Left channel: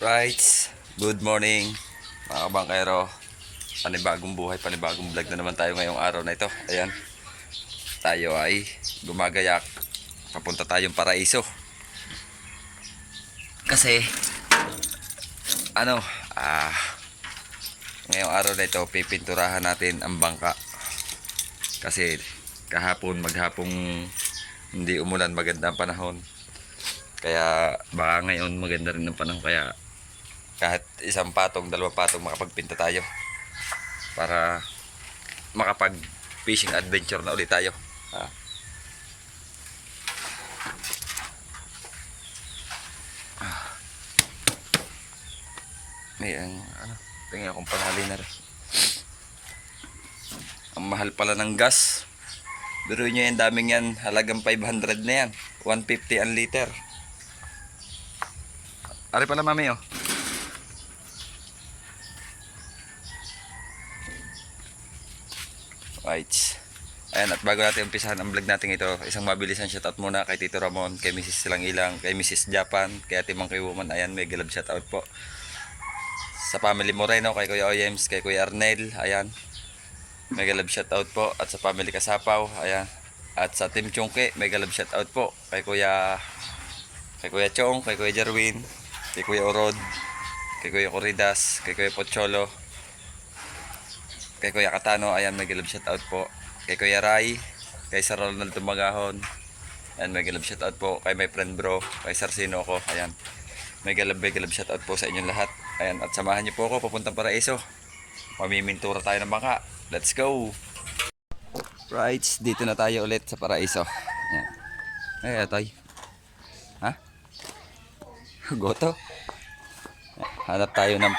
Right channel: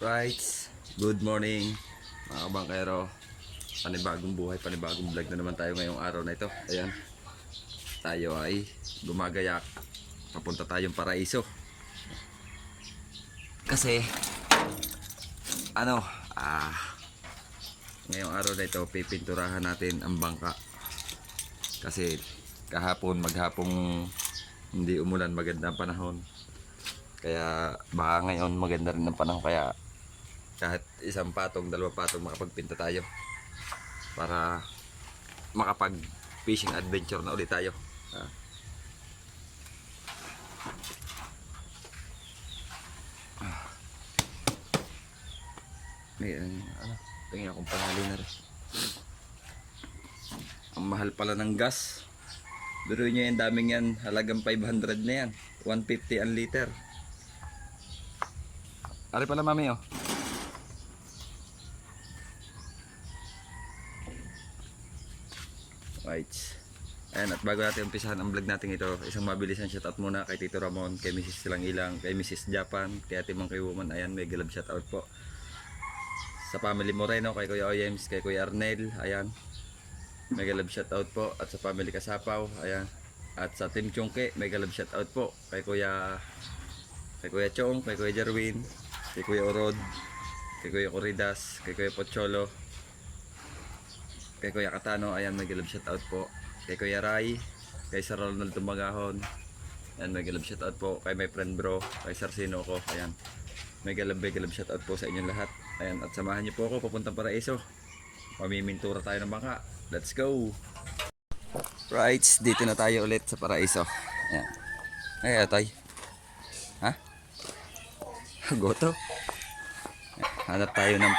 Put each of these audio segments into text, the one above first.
Right, good morning mga kabangkero. Panibagong buhay, panibagong vlog na naman tayo ngayong araw na ito. Ayan, tayo ay gumagayak. Papunta tayong Paraiso. Kasi, ano, ngayong araw na ito, pipinturahan natin ang bangka. Kasi, maghapong hindi umulan, maganda ang panahon. Kaya, baka ngayon maganda rin ang panahon. Kaya, kahit isang patong, dalawang patong makapagpinta tayo para makapag fishing adventure na ulit tayo. May tingnan akong panali na rin. Ang mahal pala ng gas. Biruin nyo yan, daming yan, halagang 500 na yan, 150 ang liter. Ari pala mami oh. Right. Ayan, at bago natin umpisahan ang vlog natin ito, isang mabilisan shoutout muna kay Tito Ramon, kay Mrs. Silang Ilang, kay Mrs. Japan, kay Ate Mang Woman. Ayan, may galab shoutout po. Sa family Moreno, kay Kuya Oyems, kay Kuya Arnel. Ayan, may galab shoutout po. At sa family Kasapaw, ayan. At sa Team Chungke, may galab shoutout po kay Kuya Chong, kay Kuya Jerwin, kay Kuya Orod, kay Kuya Corridas, kay Kuya Pocholo, kay Kuya Katano. Ayan, may galab shoutout po kay Kuya Rai, kay Sir Ronald Tumagahon. Ayan, may galab shoutout po kay my friend bro, kay Sir Sino ko. Ayan, may galab shoutout po sa inyong lahat. Ayan, at samahan niyo po ako papuntang Paraiso. Mamimintura tayo ng bangka. Let's go. Right, dito na tayo ulit sa Paraiso. Ayan. Ay, atay. Ha? Goto. Hanap tayo ng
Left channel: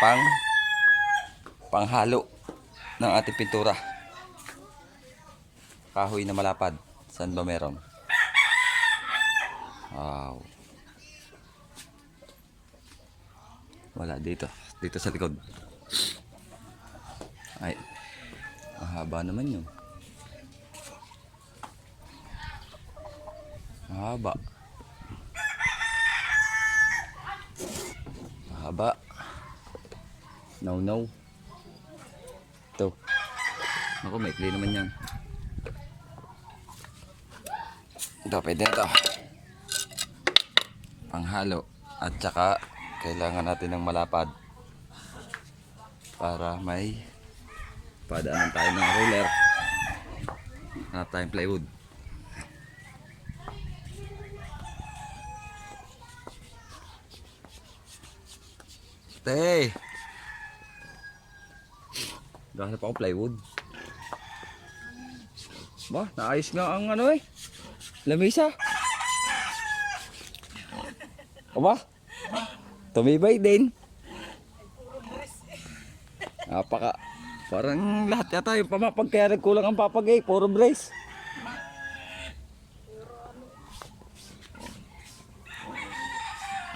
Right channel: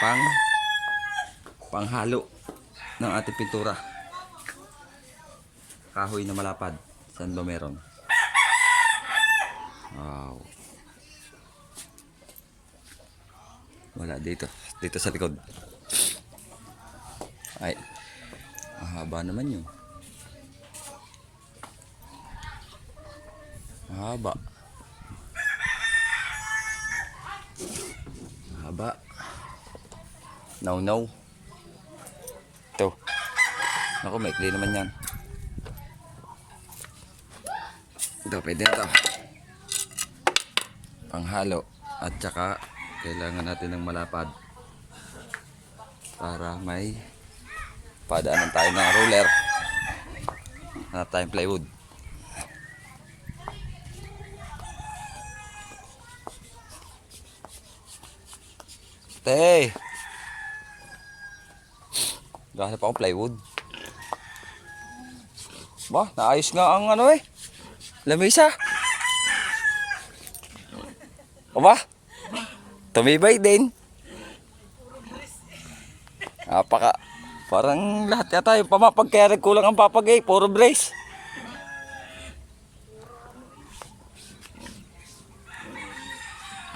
panghalo ng ating pintura. Kahoy na malapad. Saan ba meron? Wow. Wala dito. Dito sa likod. Ay. Mahaba naman yun. Mahaba. Mahaba. No. Ito. Naku, maikli naman yan. Ito, pwede na ito. Panghalo. At saka, kailangan natin ng malapad. Para may padaanan tayo ng roller. Hanap tayong plywood. Te! Gahanap akong plywood. Ba, naayos nga ang lamisa. O ba? Tumibay din. Parang lahat yata yung pamapag, kaya nagkulang ang papagay. Puro brace.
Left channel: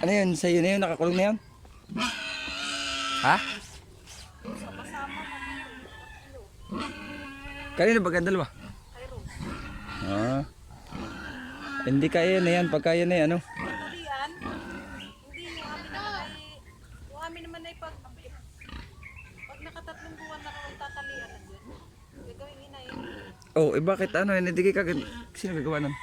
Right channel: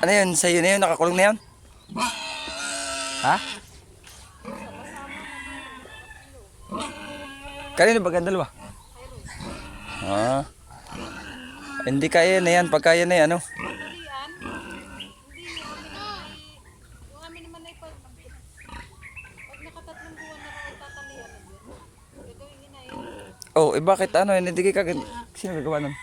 Ano yun? Sa'yo na yun? Nakakulong na yun? Ha? Kanina ba gandal ba? Hindi kaya na yan. Pagkaya na yan, ano? Oh, bakit hindi ka sino gagawa nun?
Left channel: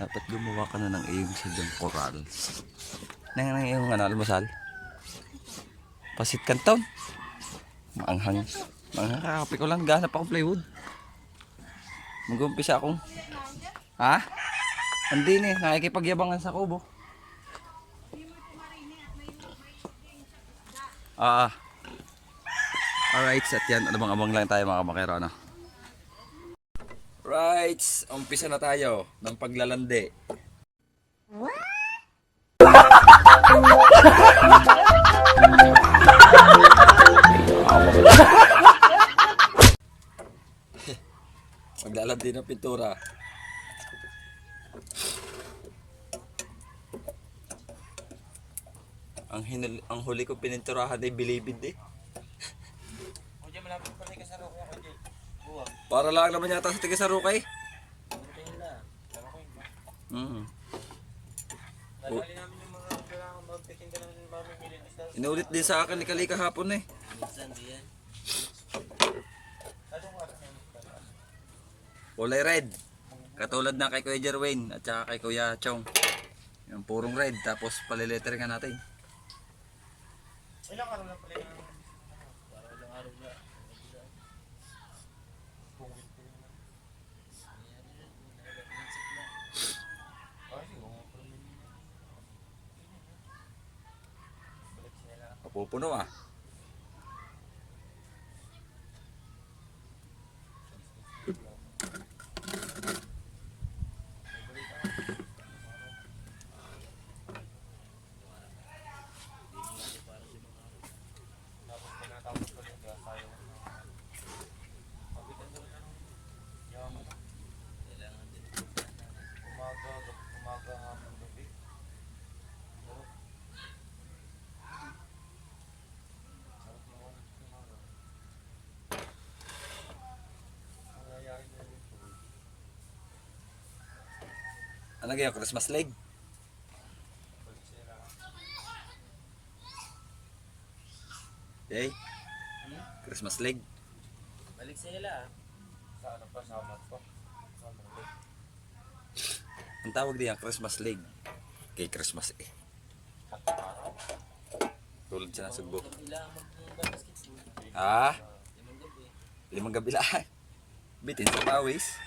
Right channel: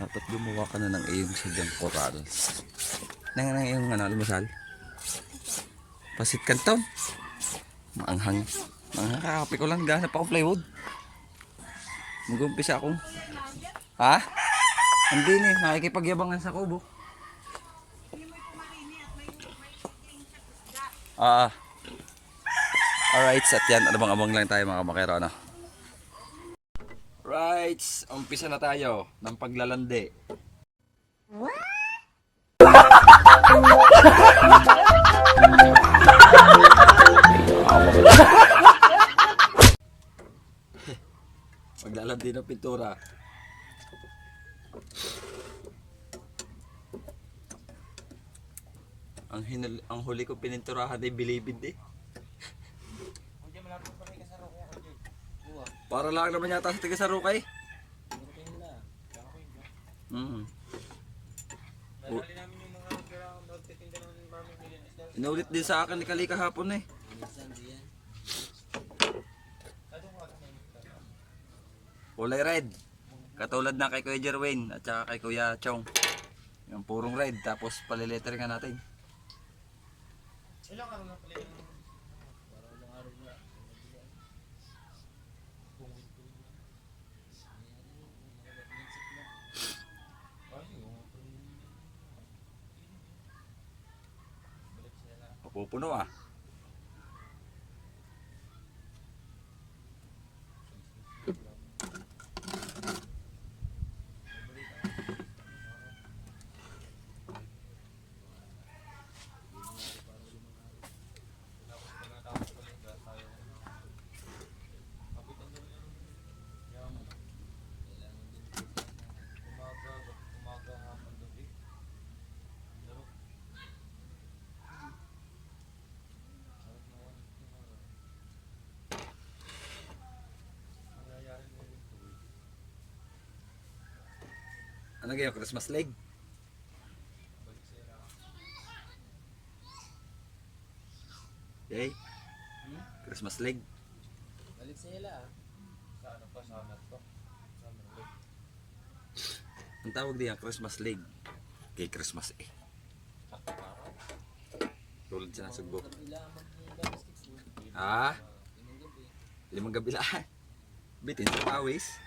Dapat gumawa ka na ng iyong sadyang corals. Nang iyong almusal. Pasit Canton. Maanghang. Kakape ko lang. Gahanap akong plywood. Mag-umpisa akong. Ha? Hindi nakikipagyabangan sa kubo. Alright, at yan. Abang-abang lang tayo mga kamakero, ano? Right, umpisa na tayo ng paglalandi. Maglalandi ng pintura. Ang ang huli ko pininturahan ay bilibid eh. Para lang naman yata sa tiga Sarukay. Mm. Inulit din sa akin ni Kali kahapon eh. Kulay red. Katulad na kay Kuya Jerwin at saka kay Kuya Chong. Yung purong red tapos paliletteringan natin. Ilang araw lang pala yung ilang araw na. Mapupuno ah. Ano ganyan? Christmas leg? Okay? Christmas leg? Balik sila. Ang tawag diyan, Christmas leg. Kay Christmas eh. Tulad siya ng sugbo. Ah? 5 gabi lang. Bitin sa pawis.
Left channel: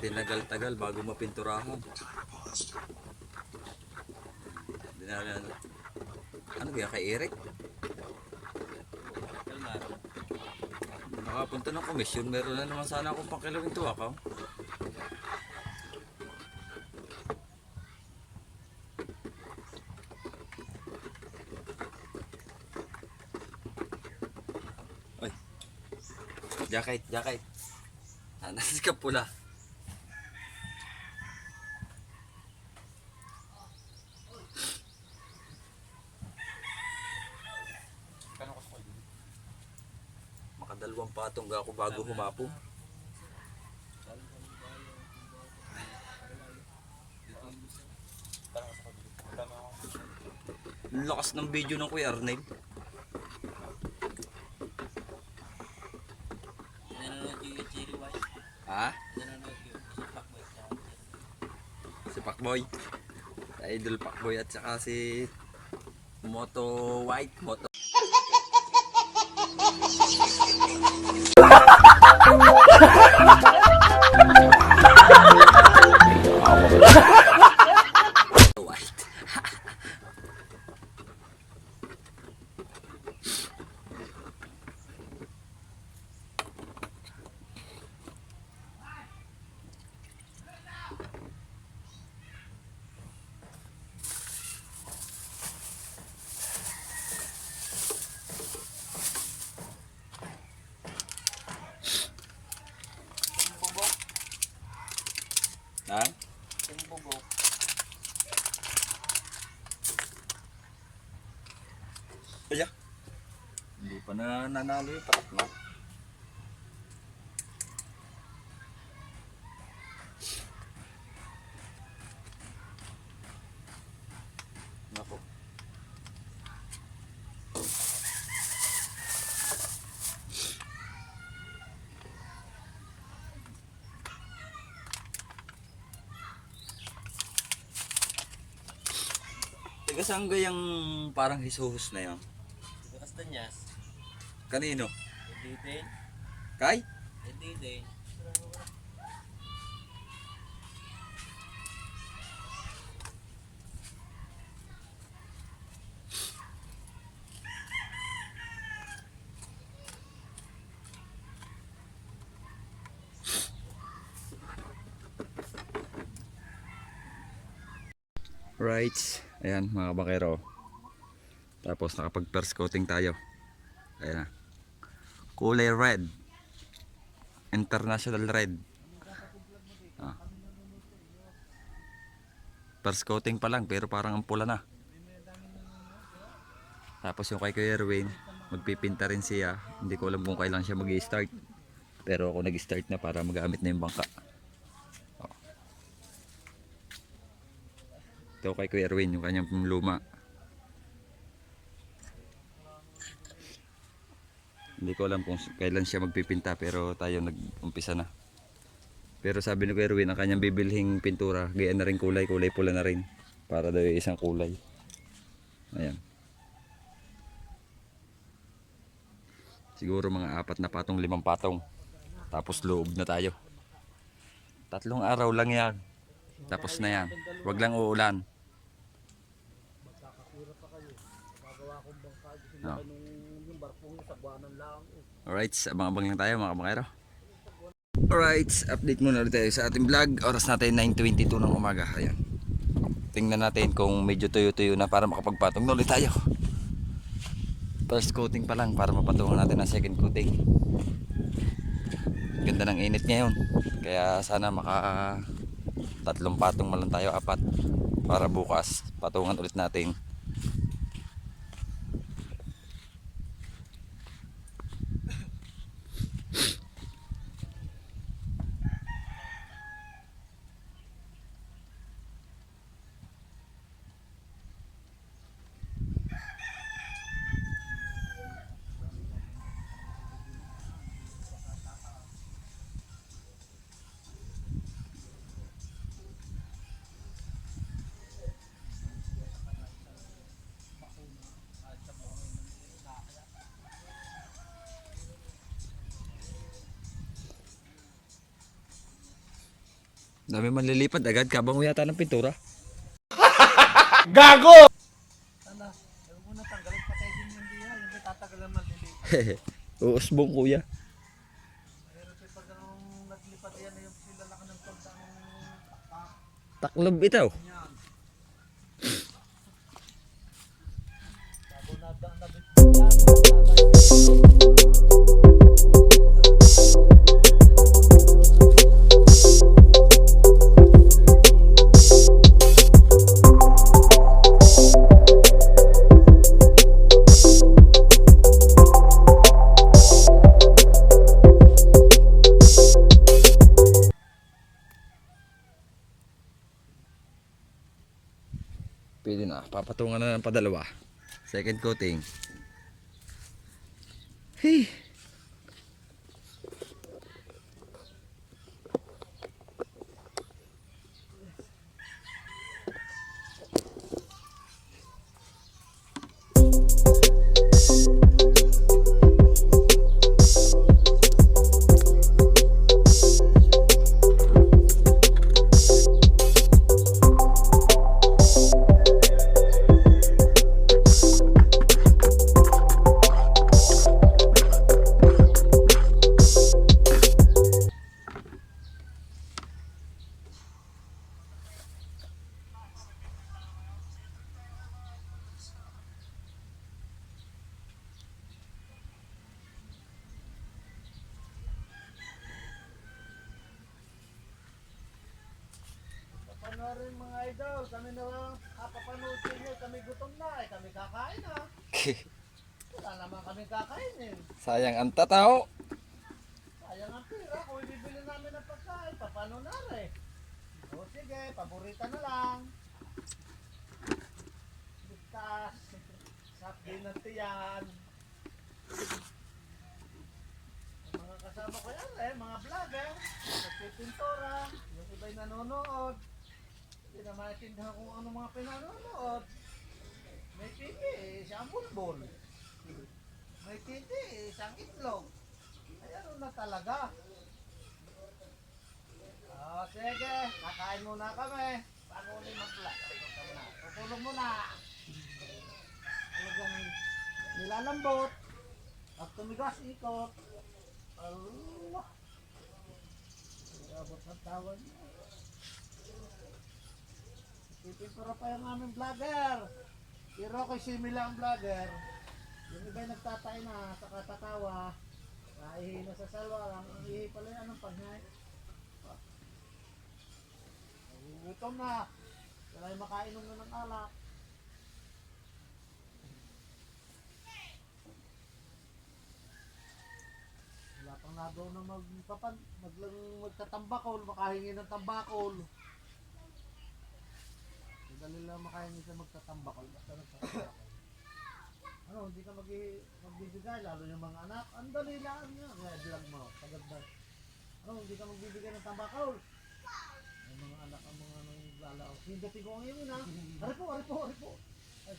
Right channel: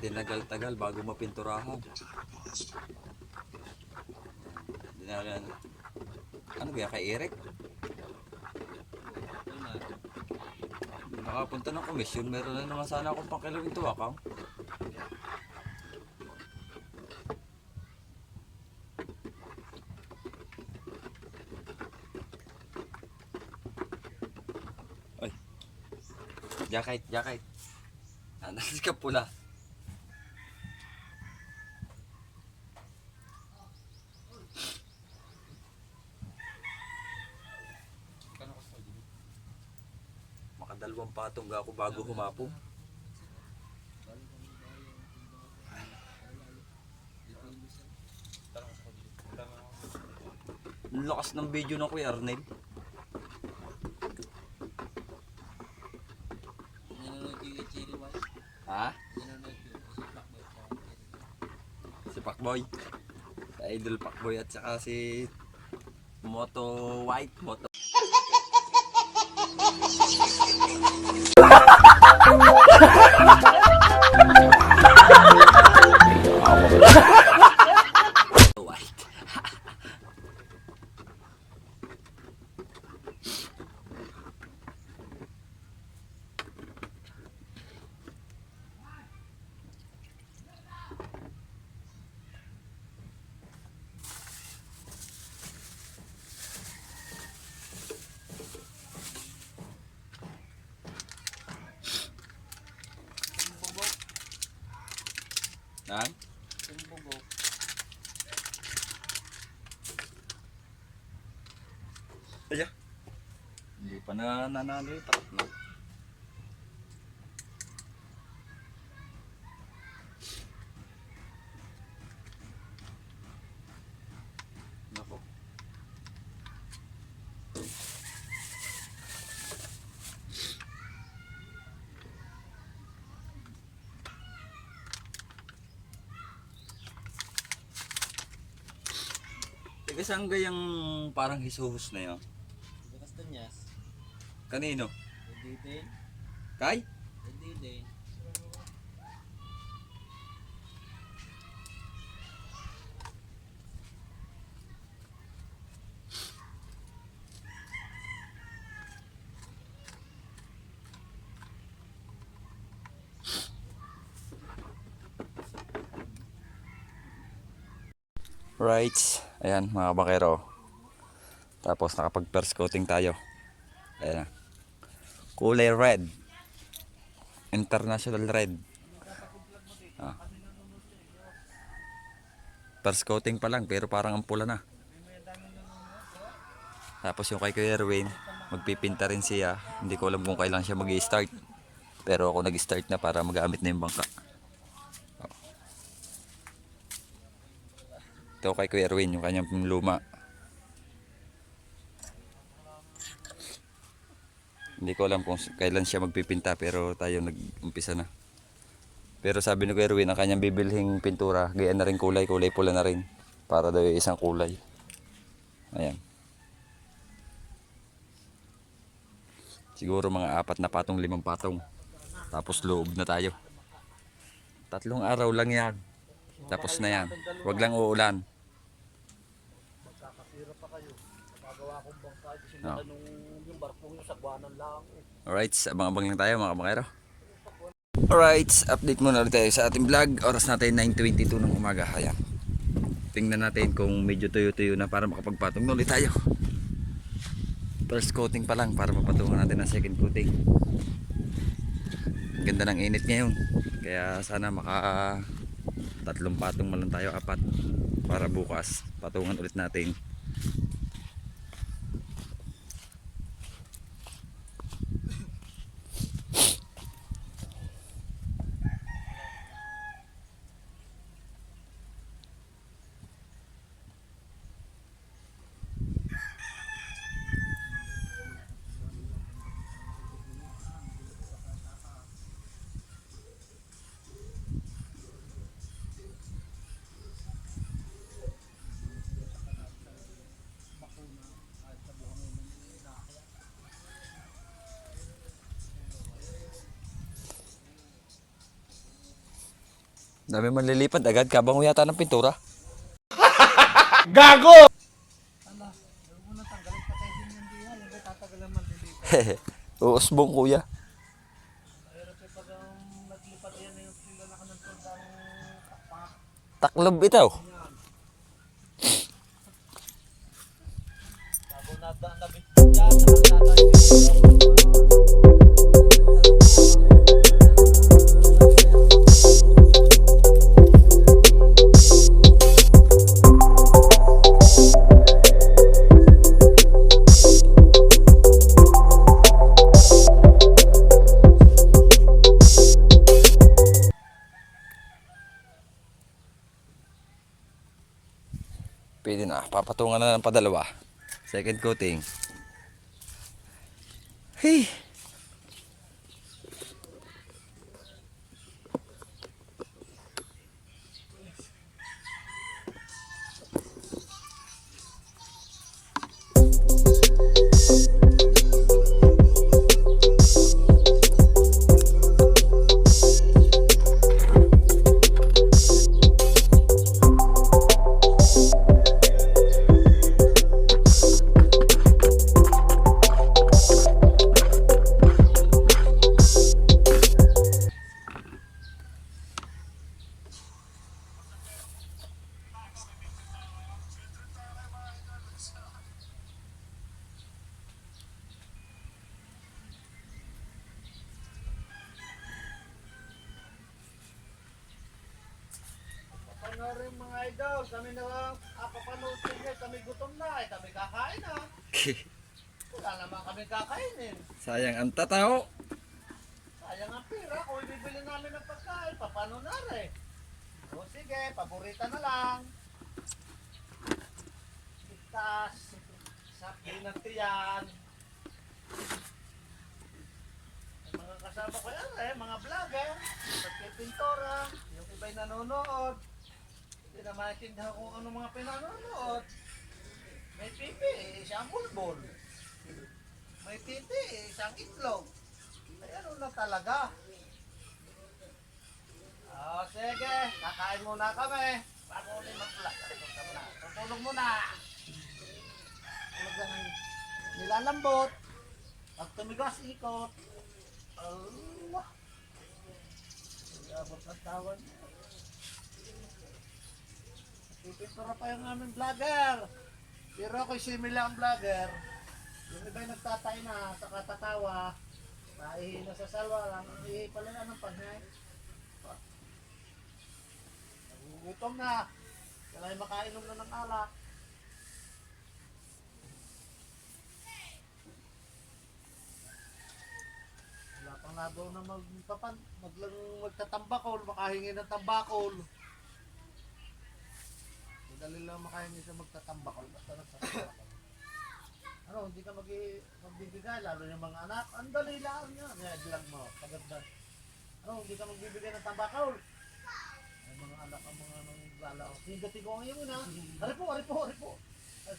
Tinagal-tagal bago mapinturahan. Ano kaya kay Eric? Nakapunta ng komisyon, meron na naman sana akong pakilawin to ako. Oy. Jacket. Nasa ka pula. Makadalawang patong ga ako bago humapo. Lakas ng video ng Kuya Arnel. Ha? Si Pacboy. Si Idol Pacboy at saka si Moto White. Moto White. Nang? Ayan. Hindi pa na nanalo yung patak na. Nako. Teka, saan gayang parang hisuhus na yun? Kastanyas. Kanino? Hindi din. Kay? Hindi din. Rights. Ayan mga bakero. Tapos nakapag first coating tayo. Ayan na. Kulay red. International red. Ah. First coating pa lang pero parang ang pula na. Tapos yung kay Kuya Erwin, magpipinta rin siya. Hindi ko alam kung kailan siya mag-i-start. Pero ako nag-start na para magamit na yung bangka. Oh. Ito kay Kuya Erwin, yung kanyang luma. Hindi ko alam kung kailan siya magpipinta pero tayo nag-umpisa na. Pero sabi ni Kuya Erwin, ang kanyang bibilhing pintura, gaya na rin kulay, kulay pula na rin. Para daw yung isang kulay. Ayan. Siguro mga 4 na patong, 5 patong. Tapos loob na tayo. 3 araw lang yan. Tapos na yan. Huwag lang uulan. Oh. Alright, abang-abang lang tayo mga kamakero. Alright, update muna ulit tayo sa ating vlog. Oras natin 9:22 ng umaga. Ayan. Tingnan natin kung medyo tuyo-tuyo na para makapagpatong na ulit tayo. First coating pa lang para mapatungan natin ang second coating. Ganda ng init ngayon. Kaya sana maka 3 patong man lang tayo, 4 para bukas patungan ulit natin. Dami man lilipad agad, kabango yata ng pintura. Gago! Ala, huwag mo na tanggalin pa tayo din yung diya. Yung may tatagalan man din dito. Uusbong kuya. Mahirap eh pag ang naglipat yan na yung sila laka ng tondang takpak. Taklob ito. Yan. Bago nabit yan, Pwede na, papatungan na ng padalawa. Second coating. Hey. ano rin mga idol, kami na lang papanood niya, kami gutom na kami kakain na. Wala naman kami kakainin. Sayang ang tatao. Sayang ang pira, kung bibili namin ng pagkain, paano na rin? O sige, paborita na lang. Itas, sabi na tiyan. Mga kasama ko yan mga vlogger, nagpipintora, yung iba'y nanonood. Hindi na maintindihan kung ano mga pinanonood. May pipi, isang bulbul. May titi, isang itlog. Ay, ano na talaga? O sige, kakain muna kami. Bago ulit mag-vlog. Tutulog muna. Talagang nilalambot. Pag tumigas, ikot. Allah. Abot ng tawan. Pipintura pa yung aming vlogger. Pero ako'y simila ang vlogger. Yung iba'y nagtatay na sa katatawa. Naihi na sa salwa lang. Ihi pala naman panghay. Gutom na. Kaya makainom na ng alak. Wala pang nagaw na magtatambakol. Makahingi ng tambakol. Madali lang makahingi sa magtatambakol. Basta nagtatambakol. Ano, hindi ka magbibigay. Lalo yung mga anak. Ang dali lang yan. Yan lang mo. Pagandang. Ano, hindi ka magbibigay ng tambakol. Ang mga anak ang mga lalaw. Hindating ko ngayon na. Aripo. Ay,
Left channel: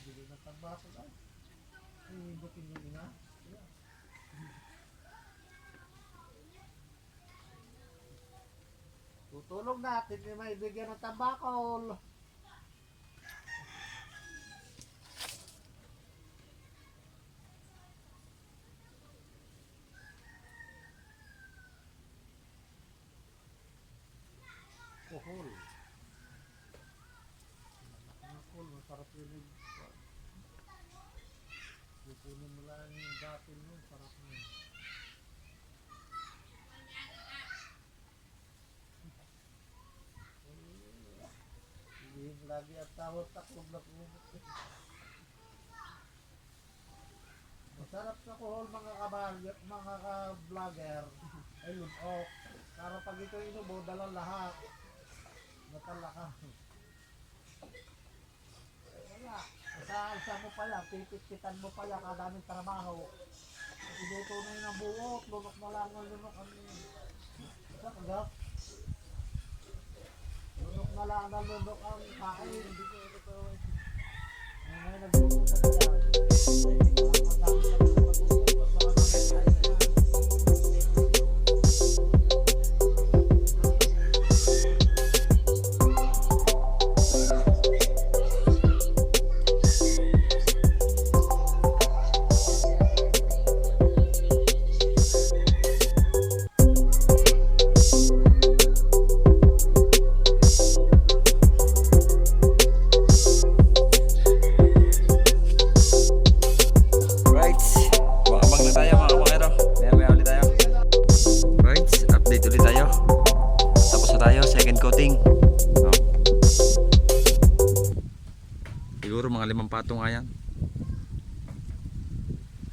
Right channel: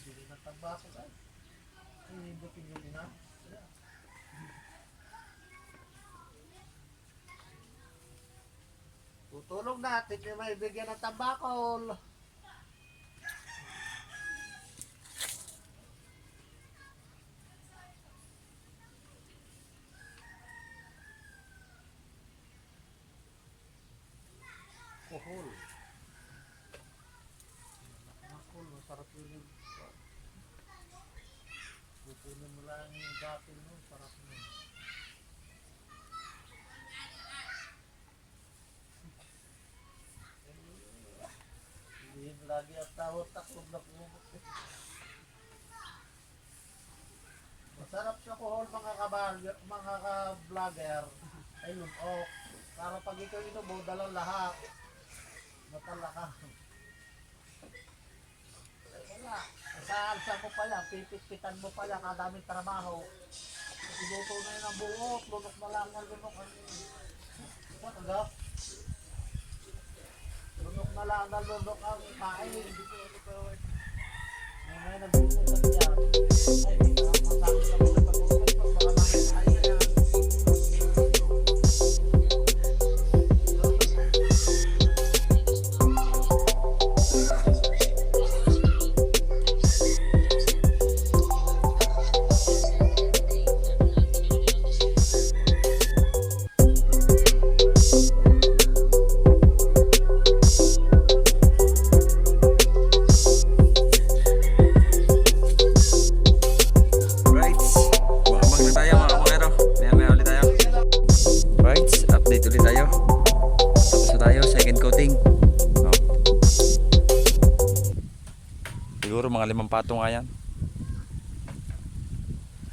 dili ng tambakol. Hindating ko na. Tutulong natin yung may bigyan ng tambakol. Kohol. Makol, masarap yun. Bukunin mo lang yung datin mo, sarap mo. Hindi lagi ang tawat takot na po. Masarap sa kohol mga ka-vlogger. Ayun, para pag ito inubo, dalang lahat. Napalaka. Saan mo pa lang, pipit-pitan mo pa lang, kadaming trabaho. Iluto na yun ang buot, lunok malangal, lunok ang... Ano? Lunok malangal, lunok ang kain. Ngayon, nagbuto na yan. Siguro mga 5 patong nga yan.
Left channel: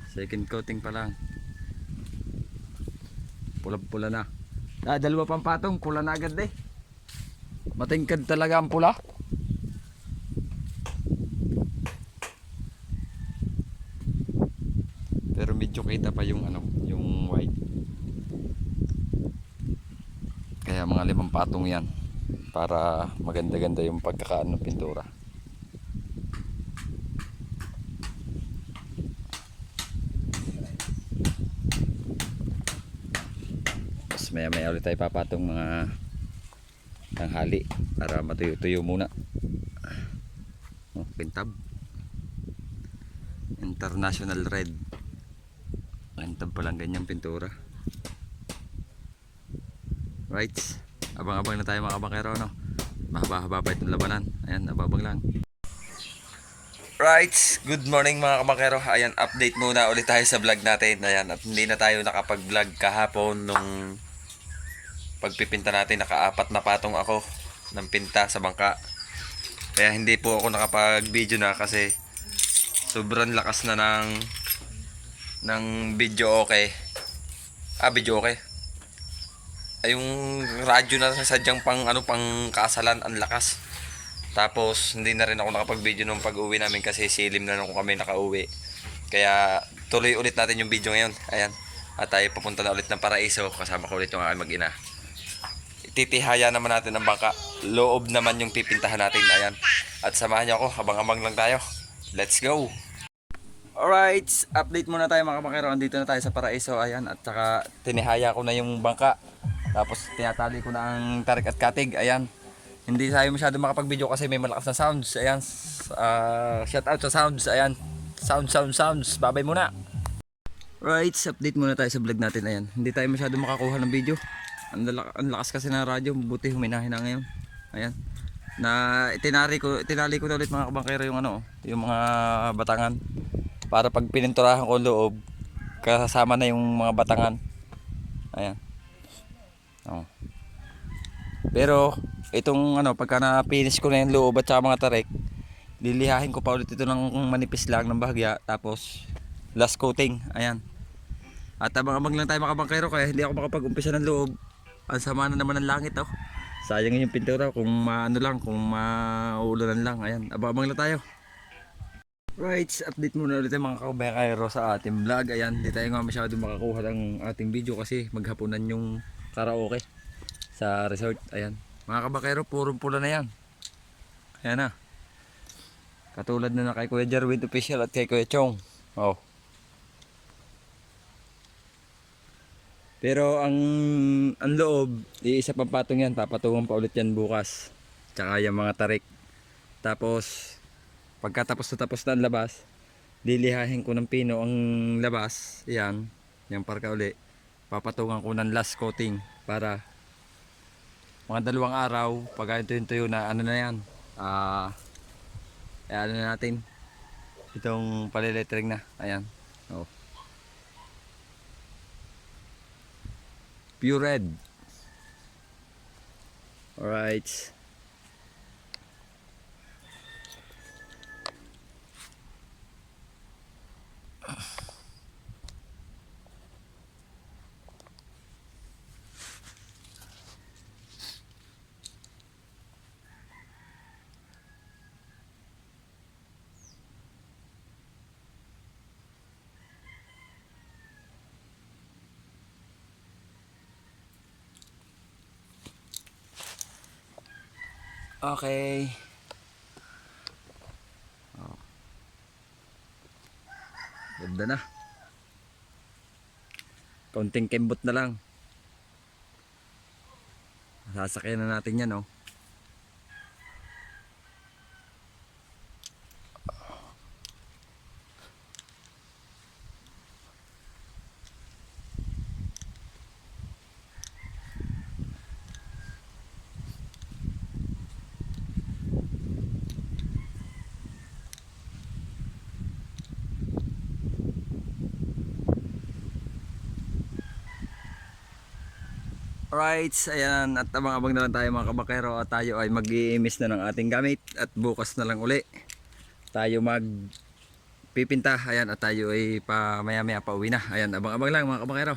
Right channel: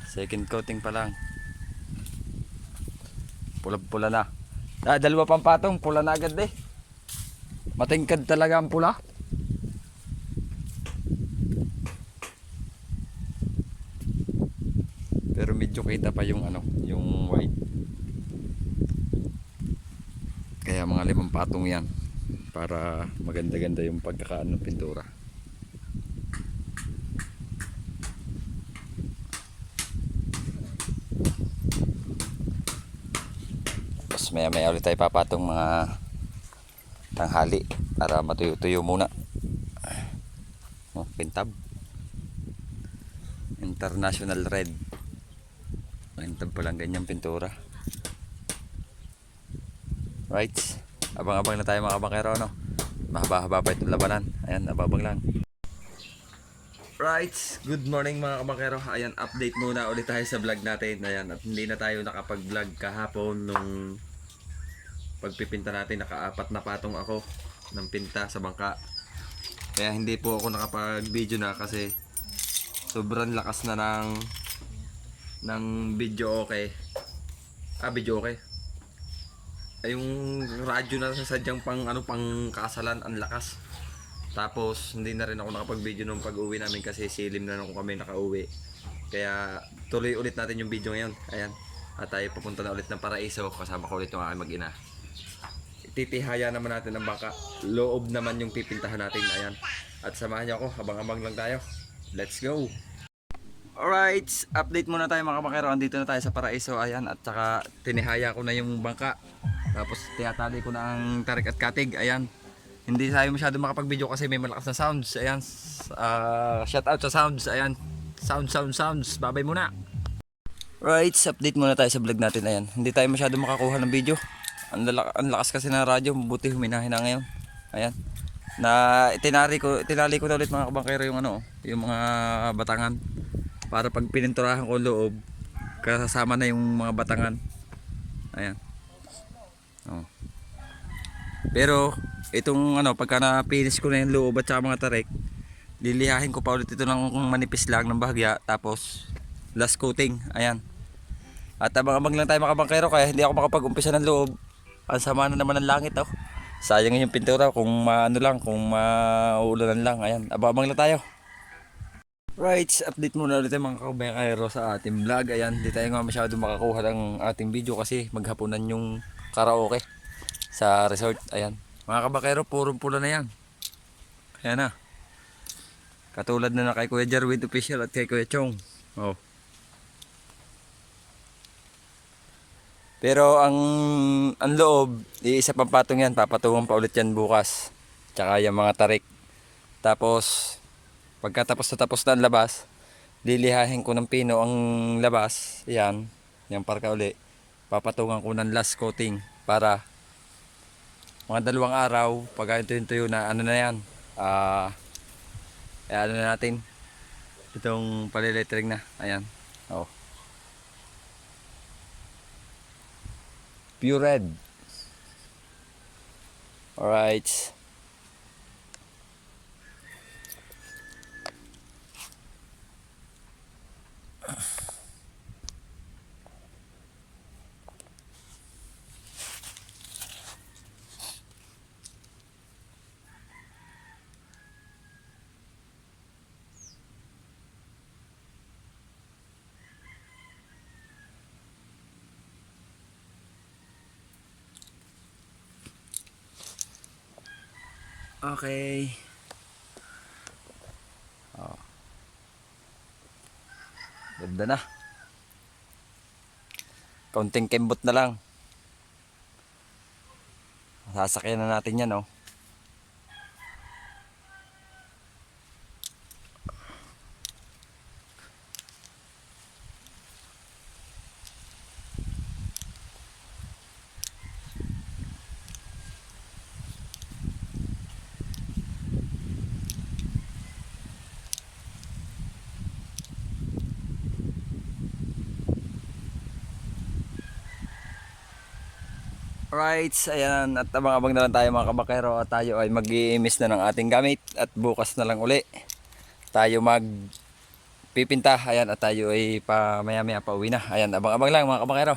Second coating pa lang. Pula-pula na. 2 pang patong, pula na agad eh. Matingkad talaga ang pula. Pero medyo kita pa yung ano, yung white. Kaya mga 5 patong yan. Para maganda-ganda yung pagkakaano ng pintura. Maya ulit tayo papatong mga tanghali para matuyo-tuyo muna. Pintab International Red. Pintab pa lang ganyang pintura. Right, abang-abang na tayo mga kabangkero, no? Mahaba-haba pa itong labanan. Ayan, ababang lang. Right, good morning mga kabangkero. Ayan, update muna ulit tayo sa vlog natin. Ayan, at hindi na tayo nakapag-vlog kahapon nung pagpipinta natin. Naka-4 na patong ako ng pinta sa bangka. Kaya hindi po ako nakapag-video na kasi sobrang lakas na ng video okay. Video okay. Ay, yung radyo na sadyang pang kasalan, ang lakas. Tapos hindi na rin ako nakapag-video nung pag-uwi namin kasi silim na nung kami nakauwi. Kaya tuloy ulit natin yung video ngayon. Ayan. At tayo papunta na ulit ng Paraiso. Kasama ko ulit yung aking mag-ina. Titihaya naman natin ang bangka. Loob naman yung pipintahan natin. Ayan. At samahan niyo ako. Habang-habang lang tayo. Let's go! Alright. Update muna tayo mga kabangkero. Andito na tayo sa Paraiso. Ayan. At saka tinihaya ko na yung bangka. Tapos tinatali ko na ang tarik at katig. Ayan. Hindi tayo masyado makapag-video kasi may malakas na sounds. Ayan. Shout out sa sounds. Ayan. Sounds. Babay muna. Right. Update muna tayo sa vlog natin. Ayan. Hindi tayo masyado makakuha ng video. Ang lakas kasi ng radyo, buti huminahin na ngayon. Ayan. na tinali ko na ulit mga kabangkero yung ano, yung mga batangan para pag pininturahan ko loob kasama na yung mga batangan. Ayan. Oh. Pero itong ano, pagka na-finish ko na yung loob at saka mga tarik, lilihahin ko pa ulit ito ng manipis lang ng bahagya, tapos last coating. Ayan. At abang-abang lang tayo mga kabangkero, kaya hindi ako makapag-umpisa ng loob. Ang sama na naman ng langit, oh. Sayang yung pintura kung maano lang, kung mauulanan lang. Ayan, abang-abang lang tayo. Right, update muna ulit mga kabangkero sa ating vlog. Ayan, di tayo nga masyado makakuha ng ating video kasi maghapunan yung karaoke sa resort. Ayan, mga kabangkero, purong pula na yan. Kaya na. Katulad na kay Kuya Jarwin Official at kay Kuya Chong. Oh. Pero ang loob, iisa pang patong yan, papatungan pa ulit yan bukas. Tsaka yung mga tarik. Tapos pagkatapos na ang labas, lilihahin ko ng pino ang labas. Yan, yung parka uli. Papatungan ko ng last coating para mga 2 araw, pag tuyo na ano na yan. Ano na natin. Itong paliletring na. Ayan. Oh. Pure red. Alright. Okay. Oh. Ganda na. Kaunting kembot na lang. Sasakyan na natin yan, oh. Alright, ayan, at abang-abang na lang tayo mga kabakero at tayo ay mag-i-imis na ng ating gamit at bukas na lang uli tayo magpipinta. Ayan, at tayo ay maya-maya pa uwi na. Ayan, abang-abang lang mga kabakero.